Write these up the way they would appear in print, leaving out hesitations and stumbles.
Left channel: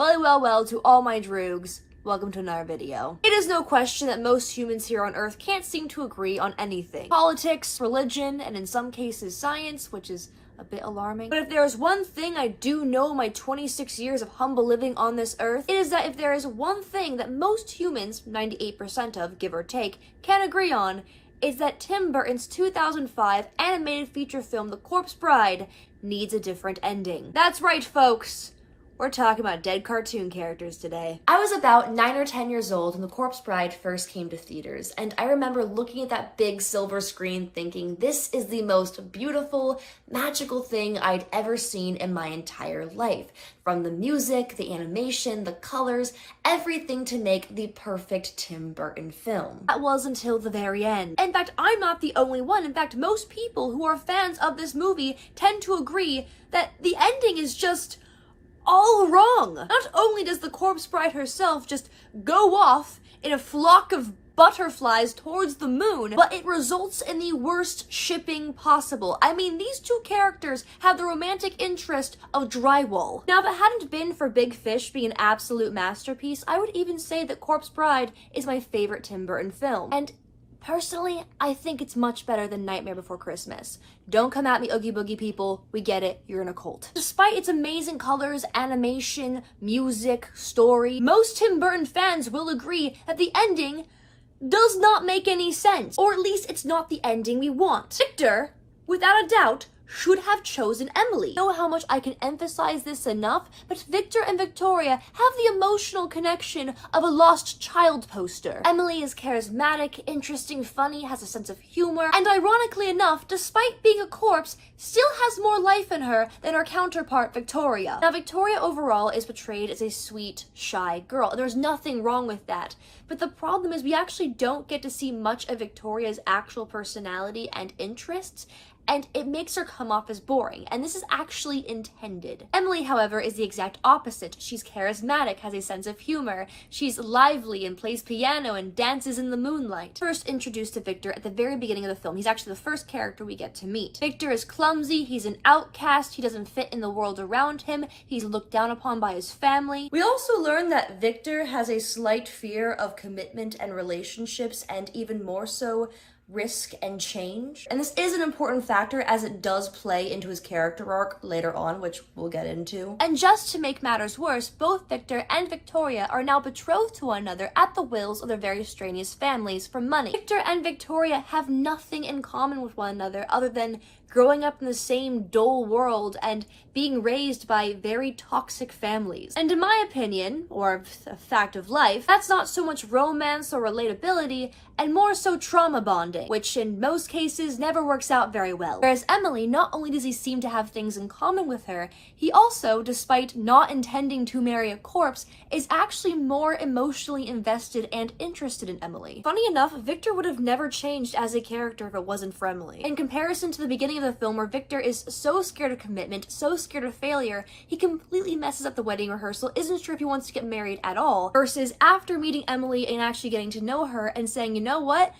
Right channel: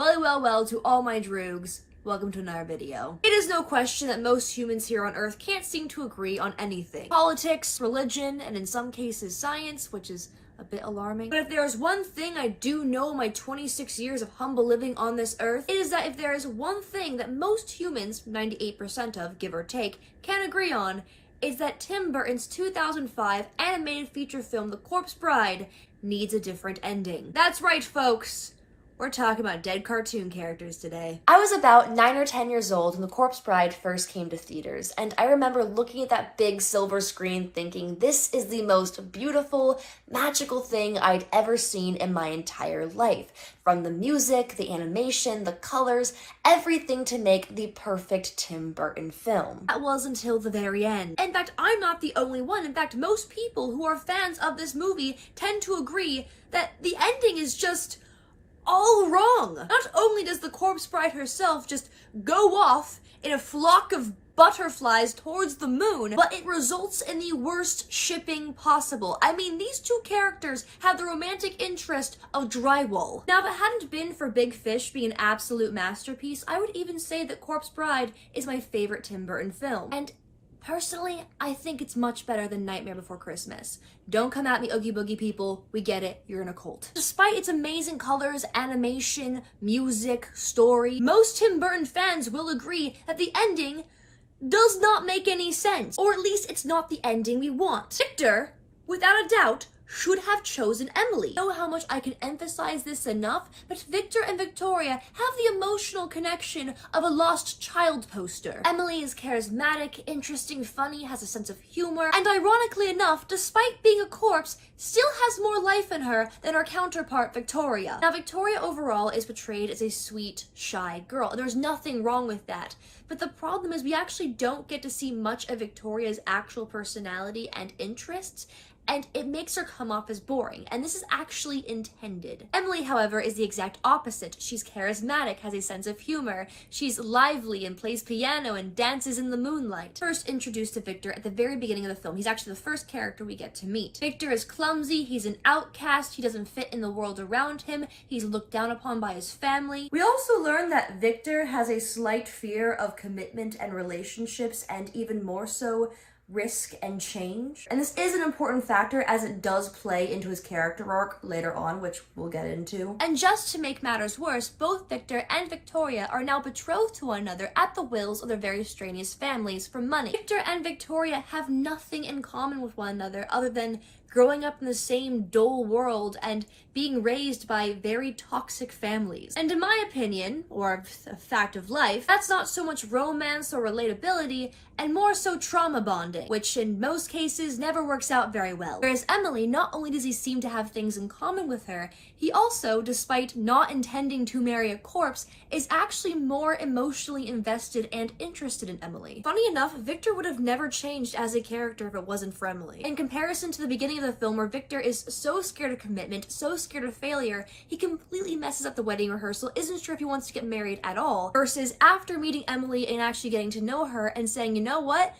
Well, to all my droogs, welcome to another video. It is no question that most humans here on Earth can't seem to agree on anything. Politics, religion, and in some cases science, which is a bit alarming. But if there is one thing I do know in my 26 years of humble living on this earth, it is that if there is one thing that most humans, 98% of, give or take, can agree on, is that Tim Burton's 2005 animated feature film, The Corpse Bride, needs a different ending. That's right, folks. We're talking about dead cartoon characters today. I was about 9 or 10 years old when The Corpse Bride first came to theaters, and I remember looking at that big silver screen thinking, this is the most beautiful, magical thing I'd ever seen in my entire life. From the music, the animation, the colors, everything to make the perfect Tim Burton film. That was until the very end. In fact, I'm not the only one. In fact, most people who are fans of this movie tend to agree that the ending is just all wrong. Not only does the Corpse Bride herself just go off in a flock of butterflies towards the moon, but it results in the worst shipping possible. I mean, these two characters have the romantic interest of drywall. Now, if it hadn't been for Big Fish being an absolute masterpiece, I would even say that Corpse Bride is my favorite Tim Burton film. And personally, I think it's much better than Nightmare Before Christmas. Don't come at me, Oogie Boogie people. We get it. You're in a cult. Despite its amazing colors, animation, music, story, most Tim Burton fans will agree that the ending does not make any sense. Or at least it's not the ending we want. Victor, without a doubt, should have chosen Emily. I don't know how much I can emphasize this enough, but Victor and Victoria have the emotional connection of a lost child poster. Emily is charismatic, interesting, funny, has a sense of humor, and ironically enough, despite being a corpse, still has more life in her than her counterpart, Victoria. Now, Victoria overall is portrayed as a sweet, shy girl. There's nothing wrong with that. But the problem is we actually don't get to see much of Victoria's actual personality and interests, and it makes her come off as boring, and this is actually intended. Emily, however, is the exact opposite. She's charismatic, has a sense of humor, she's lively and plays piano and dances in the moonlight. First introduced to Victor at the very beginning of the film. He's actually the first character we get to meet. Victor is clumsy, he's an outcast, he doesn't fit in the world around him, he's looked down upon by his family. We also learn that Victor has a slight fear of commitment and relationships, and even more so, risk and change. And this is an important factor as it does play into his character arc later on, which we'll get into. And just to make matters worse, both Victor and Victoria are now betrothed to one another at the wills of their very strenuous families for money. Victor and Victoria have nothing in common with one another other than growing up in the same dull world and being raised by very toxic families. And in my opinion, or a fact of life, that's not so much romance or relatability, and more so trauma bonding, which in most cases never works out very well. Whereas Emily, not only does he seem to have things in common with her, he also, despite not intending to marry a corpse, is actually more emotionally invested and interested in Emily. Funny enough, Victor would have never changed as a character if it wasn't for Emily. In comparison to the beginning of the film where Victor is so scared of commitment, so scared of failure, he completely messes up the wedding rehearsal, isn't sure if he wants to get married at all, versus after meeting Emily and actually getting to know her and saying, you know what?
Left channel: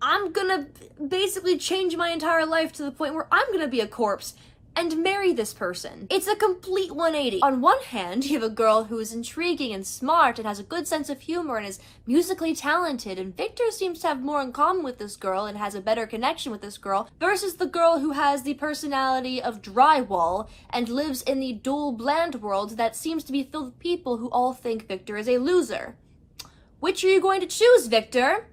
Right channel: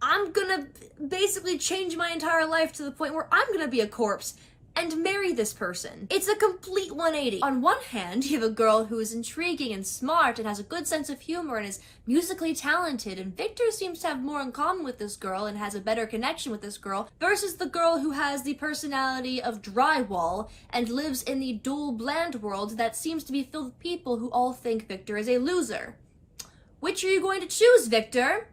I'm gonna basically change my entire life to the point where I'm gonna be a corpse and marry this person. It's a complete 180. On one hand, you have a girl who is intriguing and smart and has a good sense of humor and is musically talented, and Victor seems to have more in common with this girl and has a better connection with this girl, versus the girl who has the personality of drywall and lives in the dull, bland world that seems to be filled with people who all think Victor is a loser. Which are you going to choose, Victor?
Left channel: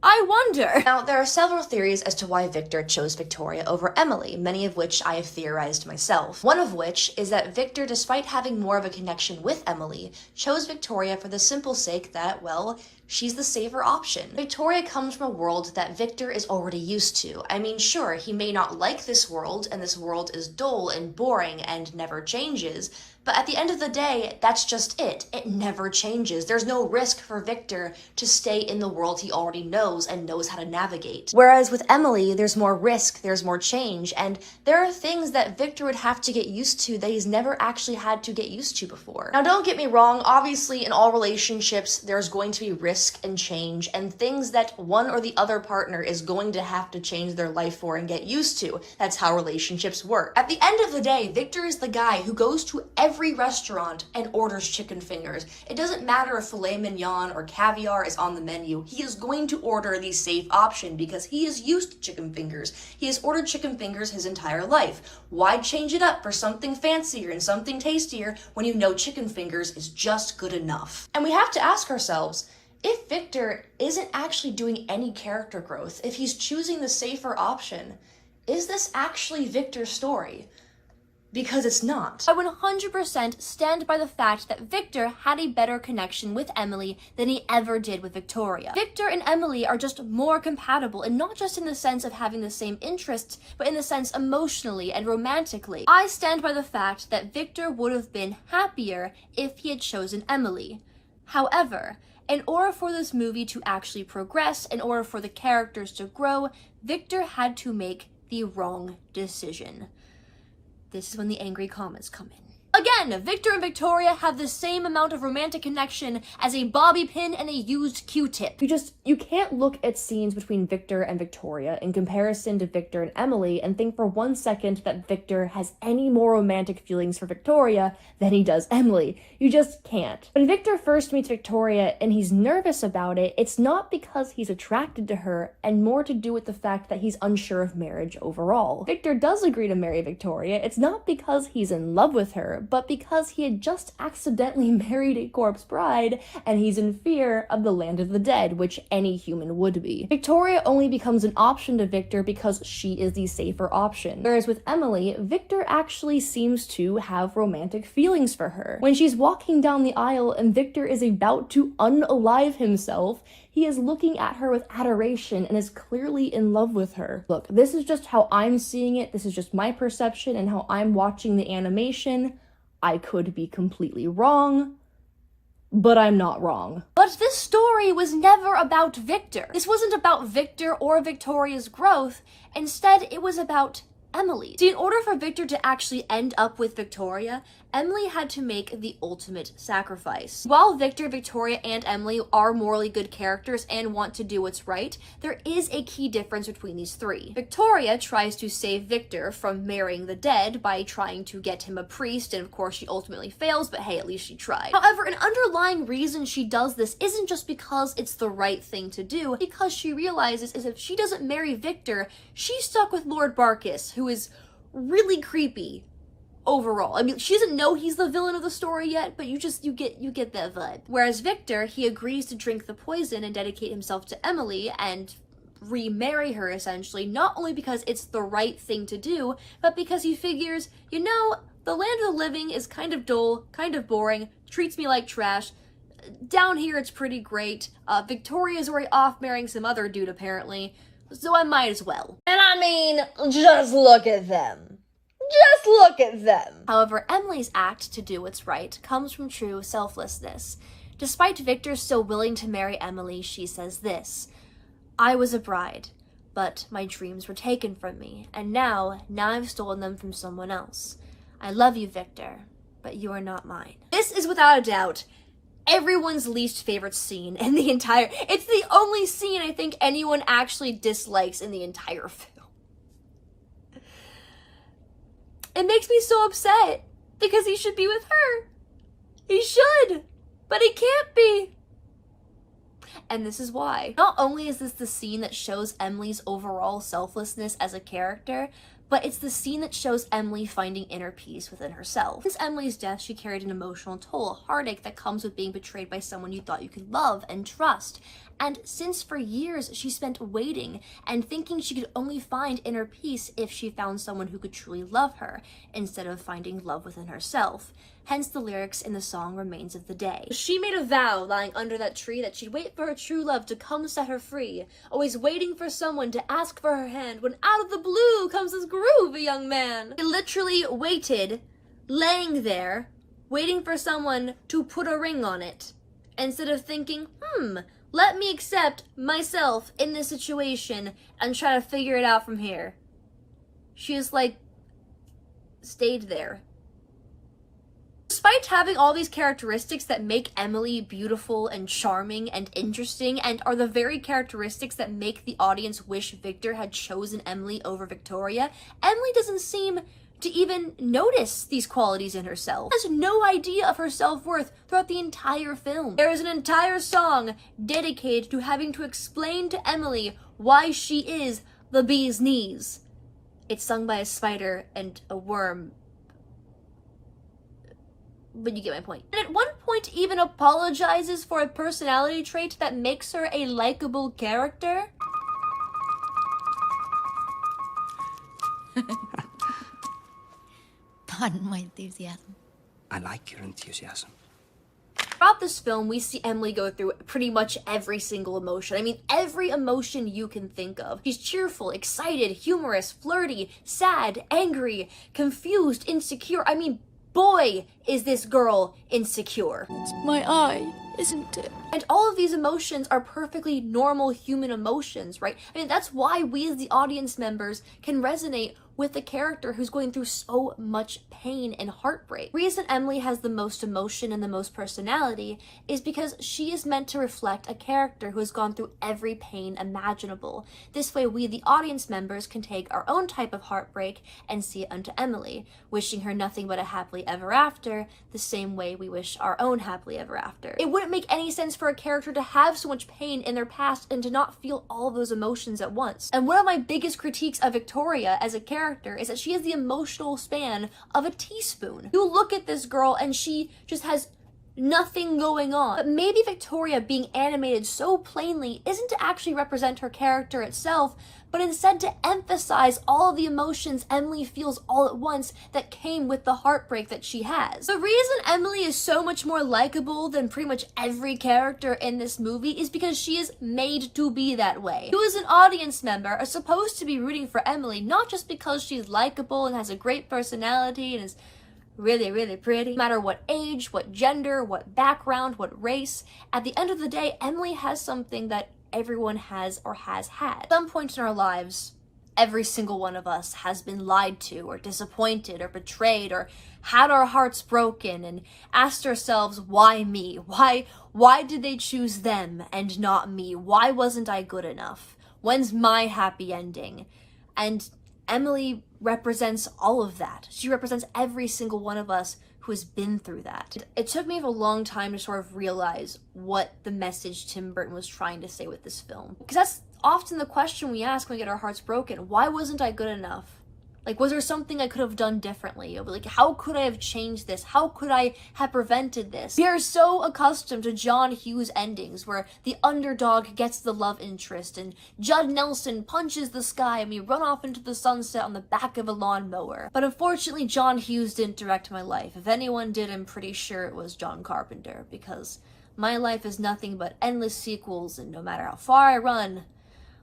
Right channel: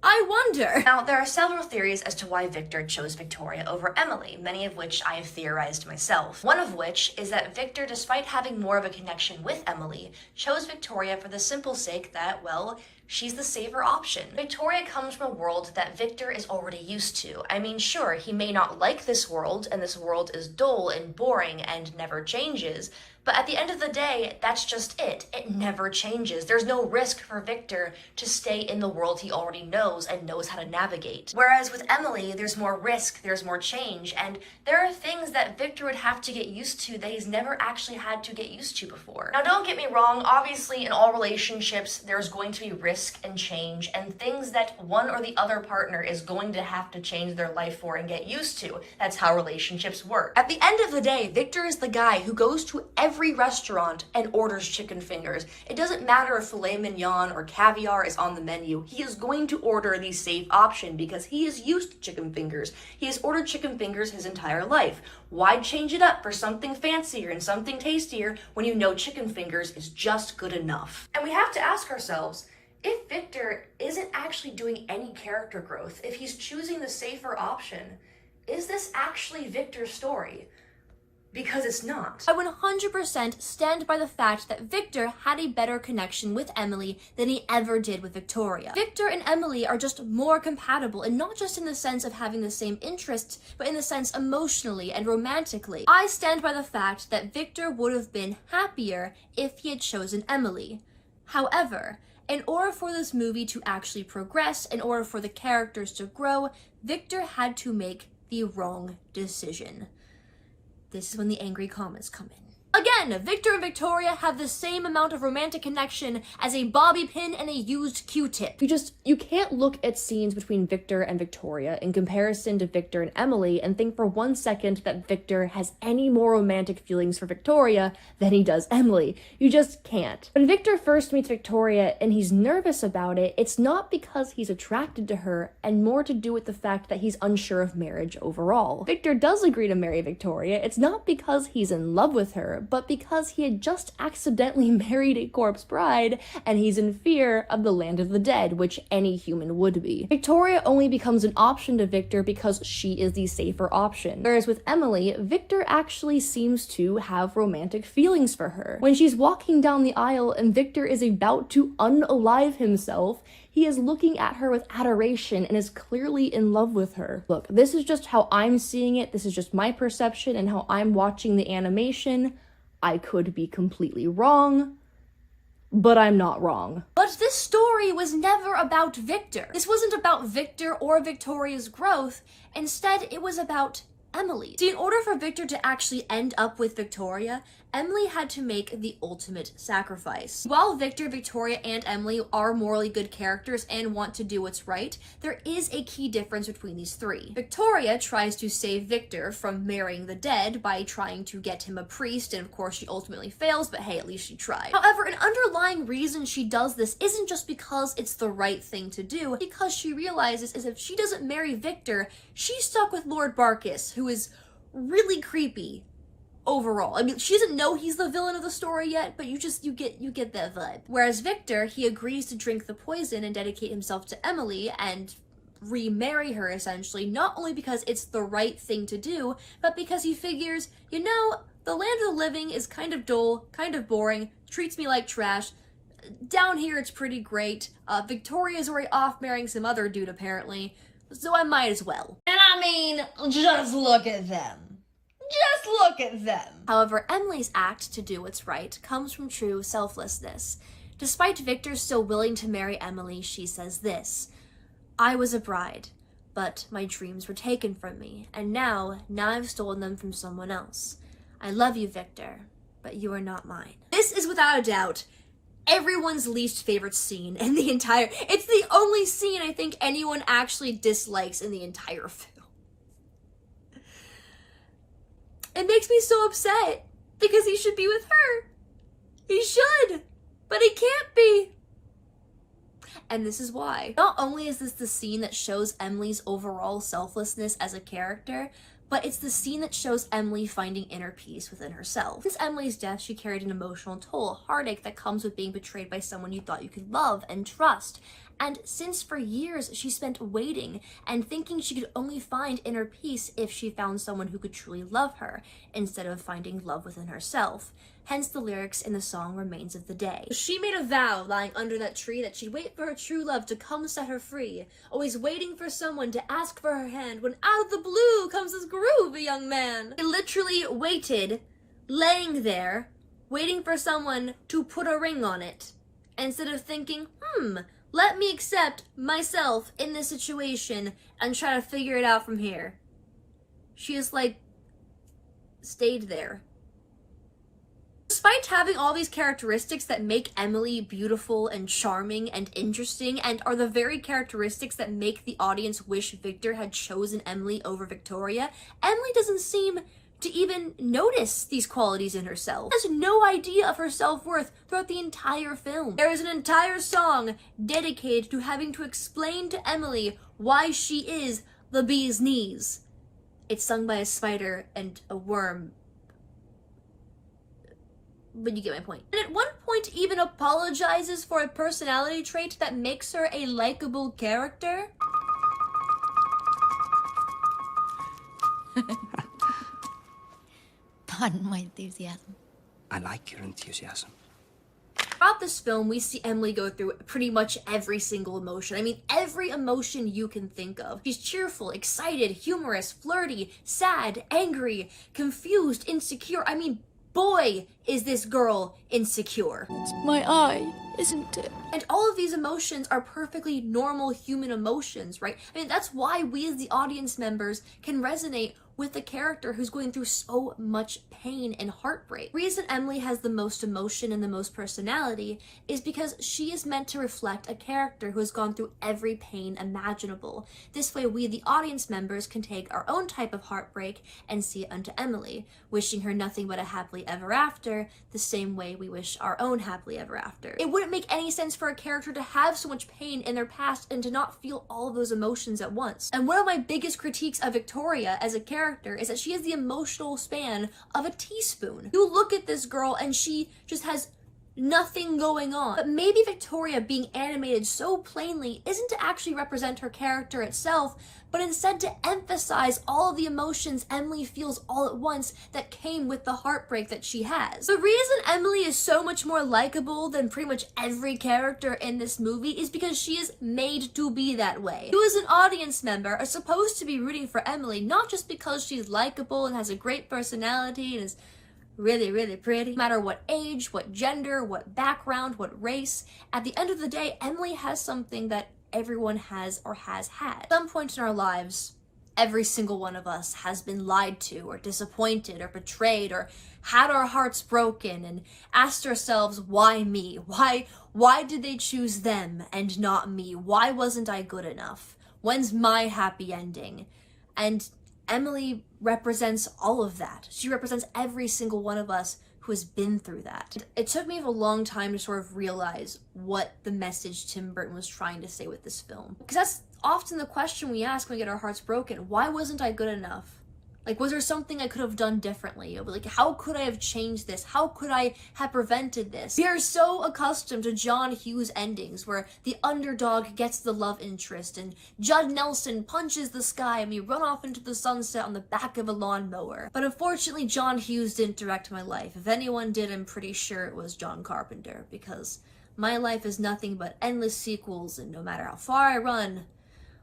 I wonder. Now, there are several theories as to why Victor chose Victoria over Emily, many of which I have theorized myself. One of which is that Victor, despite having more of a connection with Emily, chose Victoria for the simple sake that, well, she's the safer option. Victoria comes from a world that Victor is already used to. I mean, sure, he may not like this world, and this world is dull and boring and never changes, but at the end of the day, that's just it. It never changes. There's no risk for Victor to stay in the world he already knows and knows how to navigate. Whereas with Emily, there's more risk, there's more change, and there are things that Victor would have to get used to that he's never actually had to get used to before. Now, don't get me wrong, obviously in all relationships, there's going to be risk and change and things that one or the other partner is going to have to change their life for and get used to. That's how relationships work. At the end of the day, Victor is the guy who goes to every every restaurant and orders chicken fingers. It doesn't matter if filet mignon or caviar is on the menu. He is going to order the safe option because he is used to chicken fingers. He has ordered chicken fingers his entire life. Why change it up for something fancier and something tastier when you know chicken fingers is just good enough? And we have to ask ourselves, if Victor isn't actually doing any character growth, if he's choosing the safer option, is this actually Victor's story? Because it's not. I 100% stand by the fact that Victor had a better connection with Emily than he ever did with Victoria. Victor and Emily are just more compatible, and not just in the sense of having the same interests, but in the sense emotionally and romantically. I stand by the fact that Victor would have been happier if he had chosen Emily. However, in order for this movie to actually progress, in order for the characters to grow, Victor had to make the wrong decision. This is when the angry comments come in. Again, Victor and Victoria have the same amount of romantic connection as a bobby pin and a used Q-tip. You can't look at scenes between Victor and Victoria in comparison to Victor and Emily and think for 1 second that Victor has any more romantic feelings for Victoria than he does Emily. You just can't. When Victor first meets Victoria and he's nervous about it, it's not because he's attracted to her and more to do with the fact that he's unsure of marriage overall. Victor does agree to marry Victoria. It's not because he's in love with her, but because he had just accidentally married a corpse bride and he's in fear of the land of the dead, which any human would be. Victoria only becomes an option to Victor because she is the safer option. Whereas with Emily, Victor actually seems to have romantic feelings for her. When she's walking down the aisle and Victor is about to unalive himself, he is looking at her with adoration and is clearly in love with her. Look, this is just how I'm seeing it. This is just my perception and how I'm watching the animation. I could be completely wrong, but I'm not wrong. But this story was never about Victor. This wasn't about Victor or Victoria's growth. Instead, it was about Emily. See, in order for Victor to actually end up with Victoria, Emily had to make the ultimate sacrifice. While Victor, Victoria, and Emily are morally good characters and want to do what's right, there is a key difference between these three. Victoria tries to save Victor from marrying the dead by trying to get him a priest, and of course she ultimately fails, but hey, at least she tried. However, an underlying reason she does this isn't just because it's the right thing to do, because she realizes is if she doesn't marry Victor, she's stuck with Lord Barkis, who is really creepy. Overall, I mean, she doesn't know he's the villain of the story yet, but you get that vibe. Whereas Victor, he agrees to drink the poison and dedicate himself to Emily and remarry her, essentially, not only because it's the right thing to do, but because he figures, you know, the land of the living is kind of dull, kind of boring, treats me like trash. Down here, it's pretty great. Victoria's already off marrying some other dude, apparently, so I might as well. And I mean, just look at them. Just look at them. However, Emily's act to do what's right comes from true selflessness. Despite Victor still willing to marry Emily, she says this: I was a bride, but my dreams were taken from me, and now I've stolen them from someone else. I love you, Victor, but you are not mine. This is without a doubt everyone's least favorite scene in the entire... It's the only scene I think anyone actually dislikes in the entire film. It makes me so upset because he should be with her. He should, but he can't be. And this is why. Not only is this the scene that shows Emily's overall selflessness as a character, but it's the scene that shows Emily finding inner peace within herself. Since Emily's death, she carried an emotional toll, a heartache that comes with being betrayed by someone you thought you could love and trust. And since for years she spent waiting and thinking she could only find inner peace if she found someone who could truly love her, instead of finding love within herself. Hence the lyrics in the song Remains of the Day. She made a vow lying under that tree that she'd wait for her true love to come set her free, always waiting for someone to ask for her hand, when out of the blue comes this groovy young man. She literally waited, laying there, waiting for someone to put a ring on it, instead of thinking, let me accept myself in this situation and try to figure it out from here. She just, stayed there. Despite having all these characteristics that make Emily beautiful and charming and interesting, and are the very characteristics that make the audience wish Victor had chosen Emily over Victoria, Emily doesn't seem to even notice these qualities in herself. She has no idea of her self-worth throughout the entire film. There is an entire song dedicated to having to explain to Emily why she is the bee's knees. It's sung by a spider and a worm, but you get my point. And at one point even apologizes for a personality trait that makes her a likable character. Pardon my enthusiasm. I like your enthusiasm. Throughout this film, we see Emily go through pretty much every single emotion. I mean, every emotion you can think of. She's cheerful, excited, humorous, flirty, sad, angry, confused, insecure. I mean, boy, is this girl insecure. It's my eye, isn't it? And all of these emotions are perfectly normal human emotions, right? I mean, that's why we as the audience members can resonate with the character who's going through so much pain and heartbreak. The reason Emily has the most emotion and the most personality is because she is meant to reflect a character who has gone through every pain imaginable. This way we, the audience members, can take our own type of heartbreak and see it unto Emily, wishing her nothing but a happily ever after, the same way we wish our own happily ever after. It wouldn't make any sense for a character to have so much pain in their past and to not feel all of those emotions at once. And one of my biggest critiques of Victoria as a character is that she has the emotional span of a teaspoon. You look at this girl and she just has nothing going on. But maybe Victoria being animated so plainly isn't to actually represent her character itself, but instead to emphasize all the emotions Emily feels all at once that came with the heartbreak that she has. The reason Emily is so much more likable than pretty much every character in this movie is because she is made to be that way. You as an audience member are supposed to be rooting for Emily, not just because she's likable and has a great personality and is really, really pretty. No matter what age, what gender, what background, what race, at the end of the day, Emily has something that everyone has or has had. At some point in our lives, every single one of us has been lied to or disappointed or betrayed or had our hearts broken and asked ourselves, why me? Why did they choose them and not me? Why wasn't I good enough? When's my happy ending? And Emily represents all of that. She represents every single one of us who has been through that. It took me a long time to sort of realize what the message Tim Burton was trying to say with this film. Because that's often the question we ask when we get our hearts broken. Why wasn't I good enough? Like, was there something I could have done differently? Like, how could I have changed this? How could I have prevented this? We are so accustomed to John Hughes endings where the underdog gets the love interest and Judd Nelson punches the sky and we run off into the sunset on the back of a lawnmower. But unfortunately, John Hughes didn't direct my life. If anyone did, I'm pretty sure it was John Carpenter, because my life is nothing but endless sequels, and no matter how far I run,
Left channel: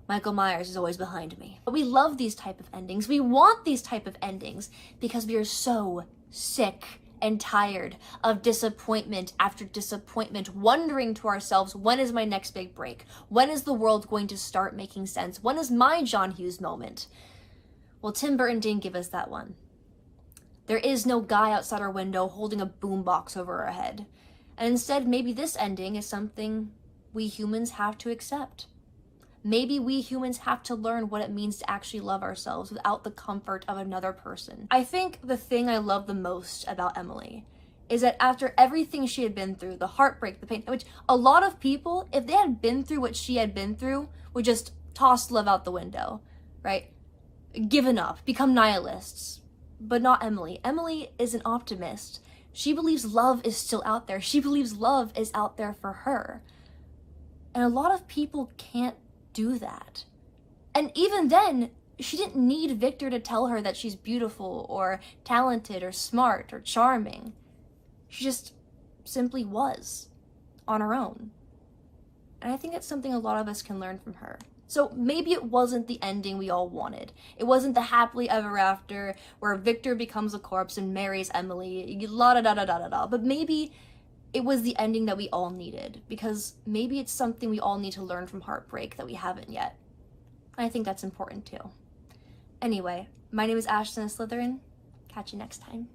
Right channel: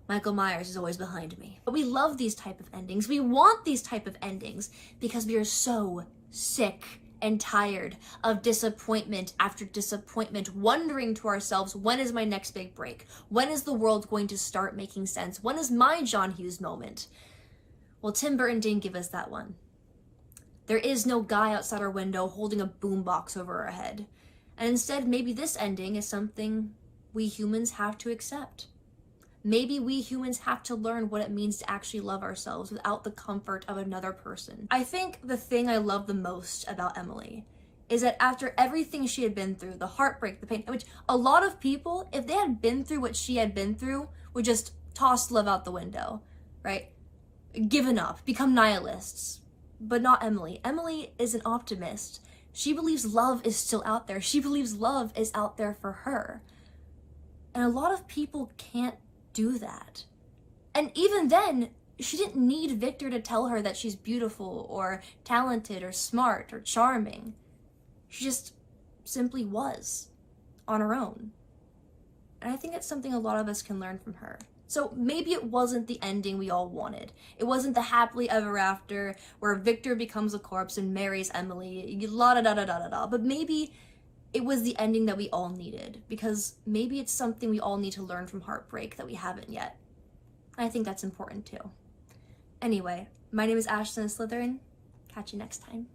Michael Myers is always behind me. But we love these type of endings. We want these type of endings because we are so sick and tired of disappointment after disappointment, wondering to ourselves, when is my next big break? When is the world going to start making sense? When is my John Hughes moment? Well, Tim Burton didn't give us that one. There is no guy outside our window holding a boombox over our head. And instead, maybe this ending is something we humans have to accept. Maybe we humans have to learn what it means to actually love ourselves without the comfort of another person. I think the thing I love the most about Emily is that after everything she had been through, the heartbreak, the pain, which a lot of people, if they had been through what she had been through, would just toss love out the window, right? Given up, become nihilists. But not Emily. Emily is an optimist. She believes love is still out there. She believes love is out there for her. And a lot of people can't do that. And even then, she didn't need Victor to tell her that she's beautiful or talented or smart or charming. She just simply was on her own. And I think that's something a lot of us can learn from her. So maybe it wasn't the ending we all wanted. It wasn't the happily ever after where Victor becomes a corpse and marries Emily, la da da da da da da. But maybe it was the ending that we all needed, because maybe it's something we all need to learn from heartbreak that we haven't yet. I think that's important too. Anyway, my name is Ashton Slytherin. Catch you next time.